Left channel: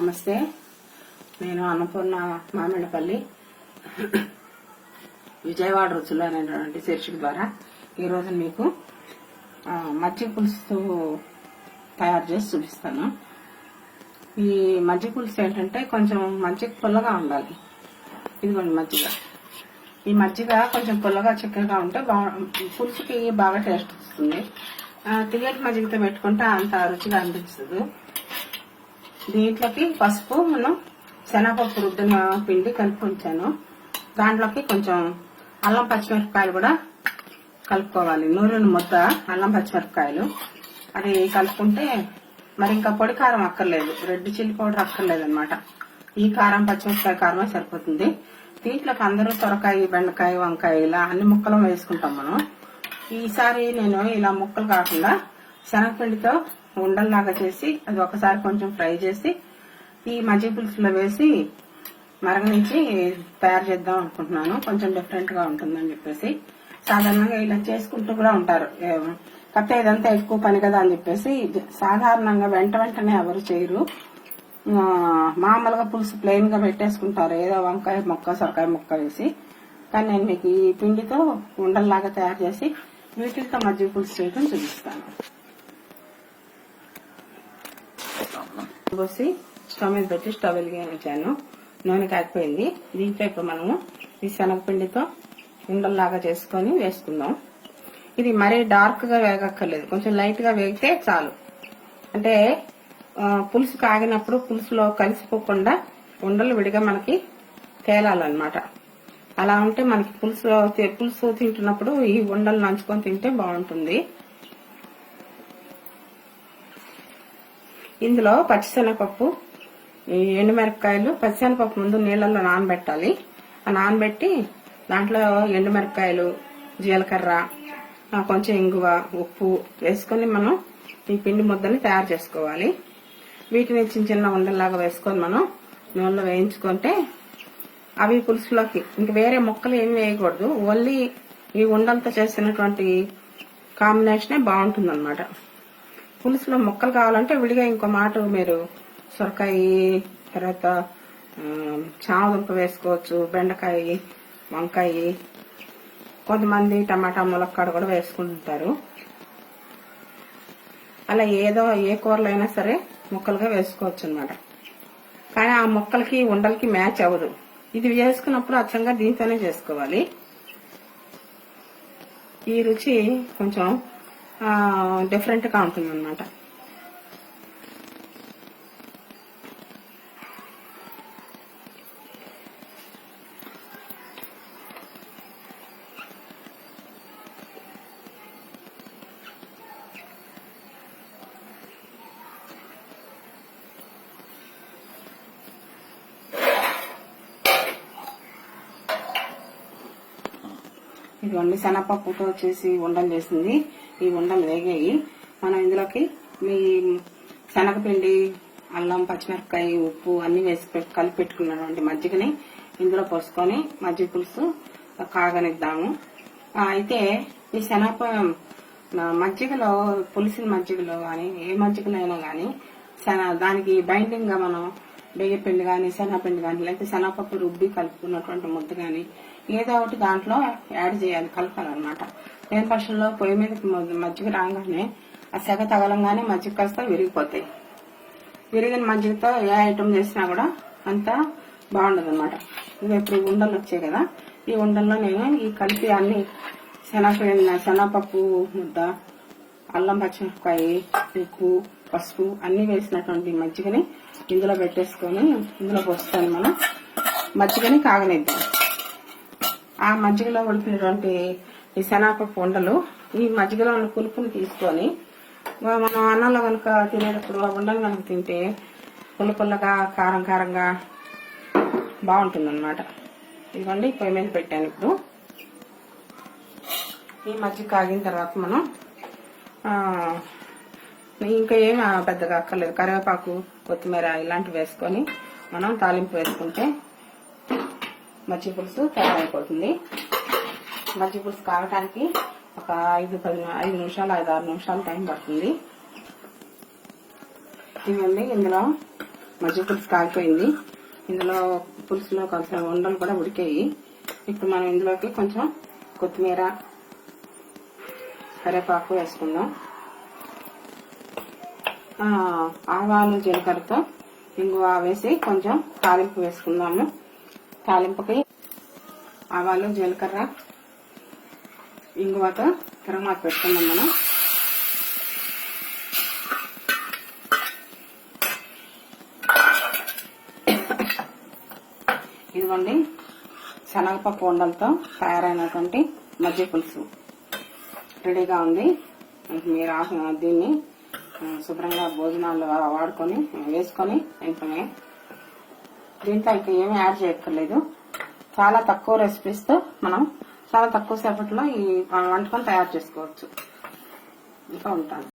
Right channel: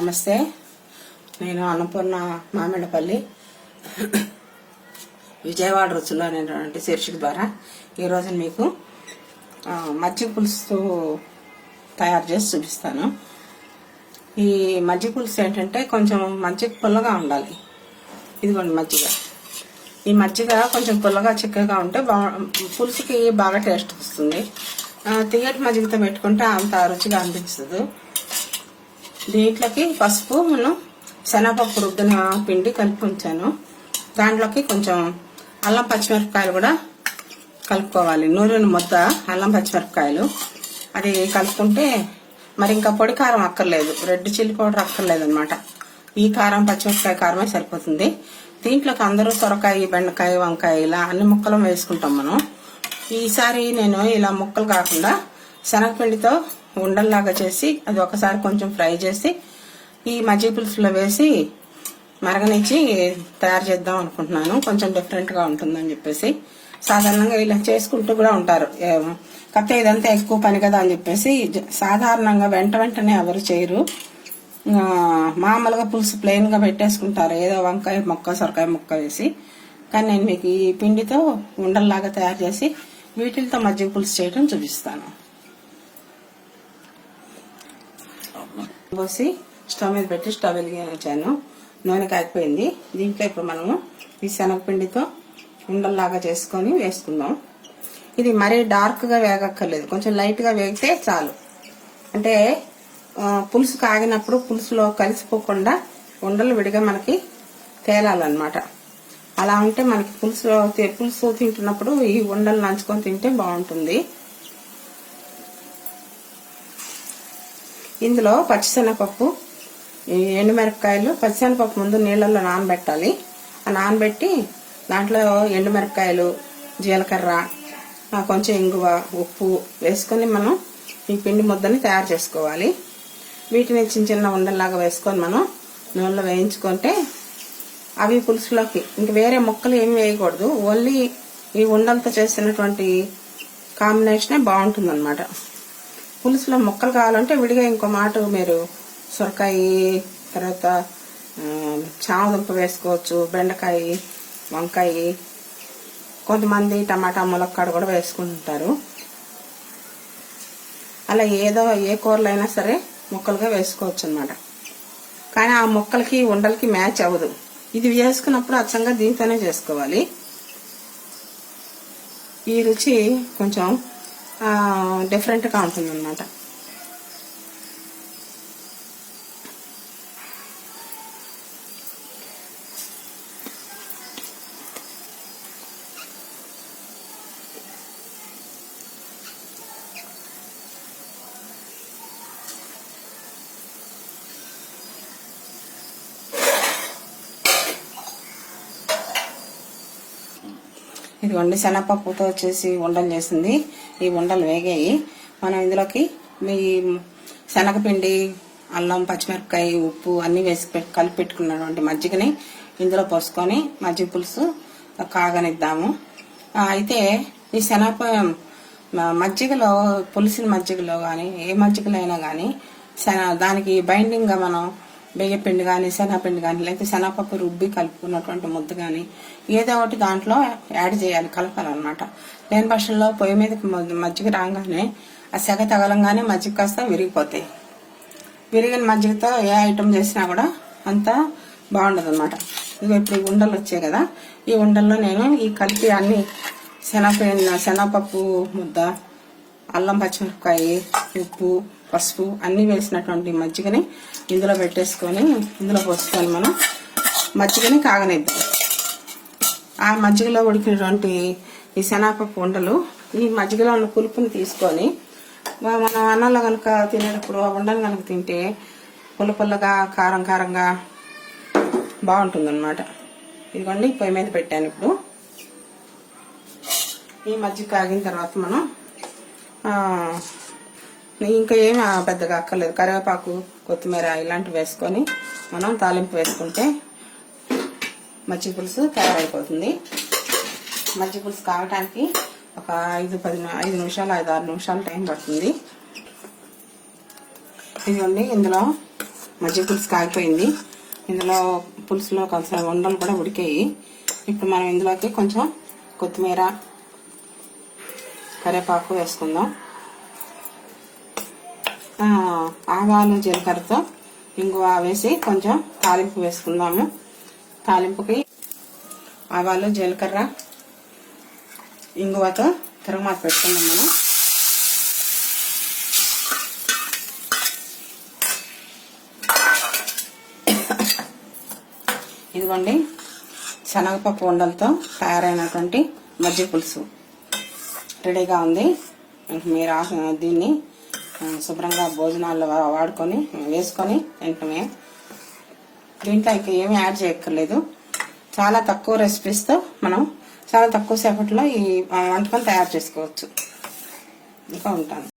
నమస్తే. నేను అన్నపూర్ణ మామిడిపల్లి. విజయవాడ రుచులు అనేటువంటి శీర్షిక ద్వారా ఈరోజు మీకు మజ్జిగ పులుసు తయారు చేసి చూపిస్తాను. ఈ మజ్జిగ పులుసు ఏంటంటే కొంచెం మజ్జిగ పుల్లగా ఉండాలి. ఇదిగోండి మజ్జిగ. ఈ మజ్జిగ కొంచెం పుల్లగా చిక్కగా ఉంటే బాగా పులుసుకి బాగా టేస్ట్ వస్తుంది. ఆ, తియ్యటి మజ్జిగతో పెట్టుకుంటే అంత రుచిగా అనిపించదు. దీంట్లోకి పసుపు మనం శనగపప్పు రుద్దిన పిండి కలిపి ఉంచాను దాంట్లోకి కొంచెం అల్లం పచ్చిమిరపకాయలు కూడా కలుపుకోవాలి. నూనెను ముద్ద అల్లం పచ్చిమిరపకాయలు. అది కలుపుకుంటే మరి ఇంకా పొడి కారం అక్కర్లేదు. రెడ్ చిల్లీ పౌడర్ అక్కర్లేదు అనమాట ఈ కారం పచ్చిమిరపకాయ కారమే సరిపోతుంది. దీంట్లోకి అందరూ సొరకాయ బెండకాయ వంకాయ ఇలా అన్ని ముక్కలు వేసుకుంటాం మనం. ఈసారి నేను ఇలా ముక్కలు కాకుండా శనగపిండితో ఉండల్లాగా చేసి అది ఒకసారి కొంచెం ఫ్రై చేసి ఈ మజ్జిగ పులుసులో వేసి మరగనిచ్చి తయారు చేద్దాం అనుకుంటున్నాను. కొంచెం డిఫరెంట్గా ఉంటుందని చెప్పేసి. సాధారణంగా ఇలా చేసుకుంటూ కూడా ఉంటారు. ఏం, కాకపోతే ఇదంతా ఎక్కువ పని కదా అని చెప్పేసి సాధారణంగా వెంట వెంటనే ఎవరు చేయరు. మామూలుగా పులుసు ప్లెయిన్గా పెట్టేసుకుంటారు. ఏదో వంకాయ మొక్క సొరకాయ మొక్క వేసి. కానీ నేను మీకు ఈ పిండితో ఉండల్లాగా తయారు చేసి వీటితో మజ్జిగ పులుసు చేయడం చూపిస్తాను. పోసి స్టవ్ మీద పెట్టి స్టవ్ వెలిగించాను. నూనె కాగిపోయింది. దీంట్లో ఇప్పుడు మనము ఈ శనగపిండితో ఉండల్లాగా చేసుకొని వేసుకుందాం ఇది మరీ డార్క్గా వేగక్కర్లేదు. కొంచెం లైట్గా వేగితే చాలు. అంటే పులుసు కాగినప్పుడు పులుసులో కలిసిపోకుండా ఉండలు విడిగా మనకి తేలాలన్నమాట. అలా ఉంటే మనకి పులుసు పులుసు తింటున్నప్పుడు ఈ ఉండలు నంచుకొని తింటే బాగుంటుంది. ఇందులో పచ్చిశనగపప్పు ఎండుమిరపకాయలు. పచ్చిశనగపప్పు ముందు నీళ్ళల్లో నానబెట్టాలి. ఆ నానబెట్టి దాంట్లో ఎండుమిరపకాయలు జీలకర్ర కొంచెం ఇంగువ ఉప్పు వేసుకొని మనం ఈ పిండి ముద్దని తయారు చేసుకోవాలి. వీటిని చిన్న చిన్న ఉండల్లాగా వేసుకొని మనం నూనెలో వేయించుకుంటే అవి పులుసులోకి ఇంక వేరే ముక్కలు ఏమి వేయకూడదు. ఓన్లీ ఈ ఉండలతో చేసినటువంటి కాంబినేషనే బాగుంటుంది అనమాట పులుసులో ముక్కలు కావాలంటే విడిగా ఇంకో మాట మీరు. సొరకాయ తర్వాత చామదుంప వేసుకోవచ్చు బెండకాయ వంకాయ. కొంతమంది టమాటా ములక్కాడ కూడా వేసుకుంటారు. అలా ఏదో ఏ కూరలైనా అయినా సరే ముక్కలుగా వేసుకోవచ్చు అన్నమాట కానీ ఆ ముక్కలకి ఉండలకి మ్యాచ్ అవ్వదు. ఇది వేసుకున్నప్పుడు అచ్చంగా దీంతోనే చేసుకోవాలి. ఈ రుచి కొంచెం డిఫరెంట్గా ఉంటుంది ఇదిగోండి శనగపప్పుతో వచ్చేసి ఉండలు చేసింది. ఈ ఉండలు వేగాయి. మనం ఇందులోకి మీ శనగపిండి అల్లం పచ్చిమిరపకాయ ఉప్పు అన్ని వేసి పెట్- కలిపి పెట్టుకున్నటువంటి మజ్జిగని ఇందులో పోసుకొని మజ్జిగ పులుసు కాగనిద్దాము. అయితే ఈ శనగ మజ్జిగలో పులిసిన మజ్జిగలో కానీ ఏ మజ్జిగలో అయినా కానీ దానికి బైండింగ్గా మనం బియ్యపిండి కానీ శనగపిండి కానీ లేకపోతే శనగపప్పు రుబ్బి కలుపుకున్నటువంటి ముద్ద కానీ ఏదో ఒకటి దాంట్లో యాడ్ చేయాలి కలపాలన్నమాట. లేని పక్షంలో పొయ్యి మీద మజ్జిగ రాగానే ఆ సెగ తగలంగానే మజ్జిగ కాస్త విరిగిపోతాయి. విరిగిన మజ్జిగతో ఏ ఐటమ్ చేసినా కూడా అంత బాగుండదు అనమాట ఇవి ఇప్పుడు ఈ ఉండలు వచ్చాయి కదా ఈ ఉండల్లో నేను ఈ కలిపి అన్ని శనగ శనగపప్పు ముద్ద అల్లం పచ్చిమిరపకాయ ఉప్పు పసుపు అన్నీ వేసినటువంటి మజ్జిగని ఇందులో పెట్టేసుకొని ఇందులో పోసుకొని మనం మజ్జిగని కాగనిద్దాం. ఆ మజ్జిగలో ఉడికినటువంటి ఈ శనగపప్పు ఉండలు ఈ మజ్జిగలో ఉన్న పులుపుని తీసుకొని మన మనం అన్నంలో కనుక తినేటప్పుడు ఆ ఉండలు కనుక తింటే పుల్ల పుల్లగా కారం కారంగా బాగుంటుంది అనమాట ఇదిగోండి పొయ్యి మీద పెట్టాను ఇప్పుడు. ఈ మజ్జిగ కాగిన తర్వాత మనం ఇంకా ఏమి పెద్దగా అక్కర్లేదు. కరివేపాకు కొత్తిమీర ఇలాంటివి వేసుకొని మనం తాలింపు వేసుకుంటే మజ్జిగ పులుసు తయారైపోతుంది మజ్జిగ పులుసు కావడానికి ఒక ఐదు పది ఐదు నిమిషాలు ఐదు ఆరు నిమిషాలు టైం పడుతుంది. ఇదిగోండి ఇందులో మజ్జిగ పులుసు కాగిపోయింది. ఇందులో పులుసులో కొంచెం ఉండలు కూడా ఉడికాయి. ఇప్పుడు మనం ఇందులోకి కొంచెం కొత్తిమీర కరివేపాకు వేసుకుందాం. ఆవాలు జీలకర్రతో ఇంగువ వేసి కొంచెం తాలింపు వేసుకుందాము. తాలింపుకి ఆవాలు జీలకర్ర ఇంగువతో తిరుమాత పెట్టుకుందాం మనం. ఇదిగోండి శనగపప్పు ఉండలతో తయారైనటువంటి మజ్జిగ పులుసు రెడీగా ఉంది. మీరు దీన్ని శుభ్రంగా భోజనాల్లో వాడుకొని వేసుకొని తింటమే దీంట్లో ఇంకా ఏమీ యాడ్ చేయక్కర్లేదు. చాలా తక్కువ రెసిపీస్తో మనం చాలా తక్కువ సేపట్లో ఈ వంటకం తయారు చేసుకోవచ్చు. ఇంకా ఉంటాను.